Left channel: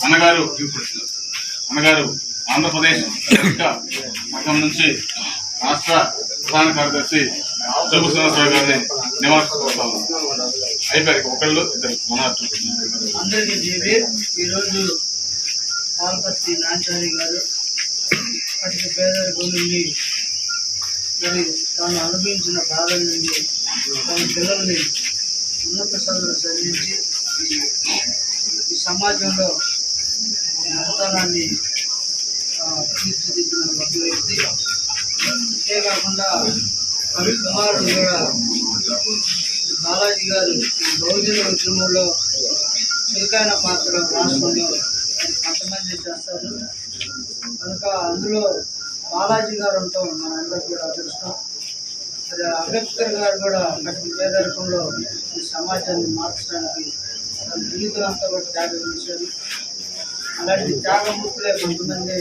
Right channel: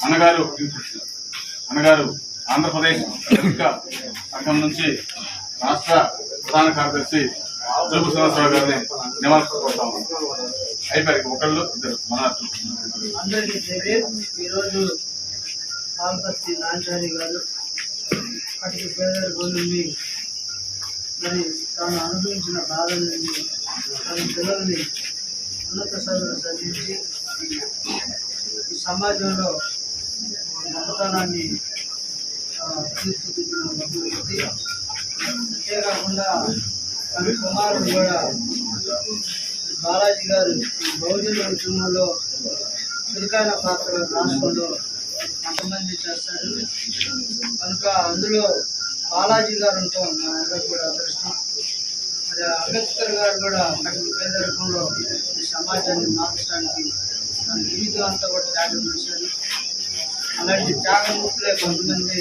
అన్నగారు అన్నగారు ఆంధ్రప్రదేశ్ ఇంకా సంఘం నుంచి రాష్ట్ర ప్రధాన కార్యదర్శి జోగు శ్రీనివాసరావు గారిని నివాళులర్పిస్తా ఉన్నాం. అయిపోయారు ఒకళ్ళు ఇద్దరు మన అందరికీ జేబీ ఈరోజు పాల్పత్తి నాంచారి గారు అటుకు పేదరికం నుండి మరి తాను అనుభవించిన బాధల నుండి తన పిల్లల్ని ఉన్నత చదువులు చదివించి ఈ సమాజంలో మతదానాన్ని తీర్చిదిద్దిన ఒక వ్యక్తి. అంతేకాకుండా కవి కుమారుడు కూడా బాలాజీ గారు బహుజన ఉద్యమంలో చురుకైన పాత్ర రాష్ట్రంలో కొంతమంది చేస్తారు. కనుక అందులో బాలాజీ గారు ఉంటాం మనందరికీ కూడా అదృష్టం. మరి అంబేద్కర్ గారు కూడా అటు పేదరికంలో ఈ సమాజాన్ని మార్చడానికి తన జీవితం అంతా కూడా త్యాగం చేశారు అలాంటి త్యాగమూర్తులే కొంతమంది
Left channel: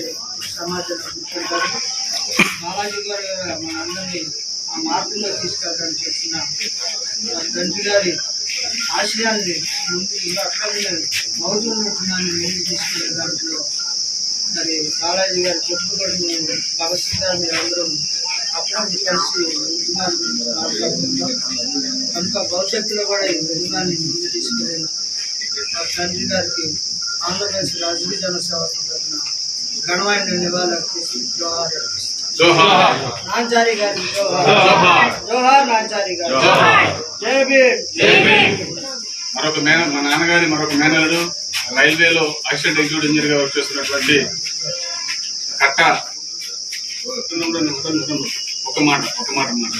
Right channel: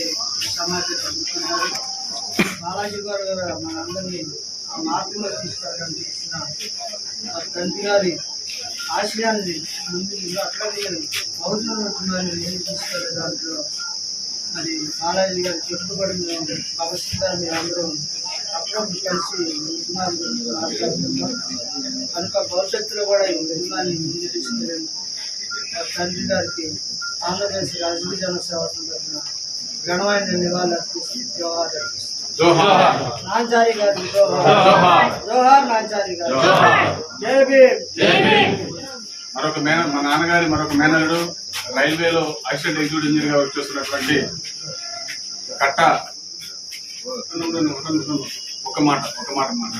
సమాజంలో సమాజాన్ని గుర్తుంటారు బాలాజీ గారు మన అందరినీ ఆ మార్గంలో తీసుకెళ్ళడానికి చేసిన తండ్రి గారి ఆశయాన్ని ముందు ఇంకా అట్లాగే మౌజులు ముందు తీసుకెళ్ళే దాంట్లో మరి బాలాజీ గారు చెప్పుబడి కూడా మేము భగత్ సింగ్ గారు మీరు అందరం అప్పుడప్పుడు కలిసి ఉద్యమాల కనుక భవిష్యత్తులో కూడా ఈ ఉద్యమాన్ని ముందు తీసుకెళ్ళి తండ్రి గారికి ఆంధ్రప్రదేశ్ రాజకీయ జనసేవ తరఫున ఘనమైన నివాళులు అర్పిస్తూ జోహార్ నాంచారి గారి జోహార్. జోహార్. నాంచారి గారు. జై భీమ్. మరొక మేన మా నాన్నగారి మరొక మేనలుడు రైల్వేలో అసిస్టెంట్ ఎగ్జిక్యూటివ్ ఇంజనీర్గా వర్క్ చేస్తున్నటువంటి కట్ట. ఒక మాట ఒక మాట మాట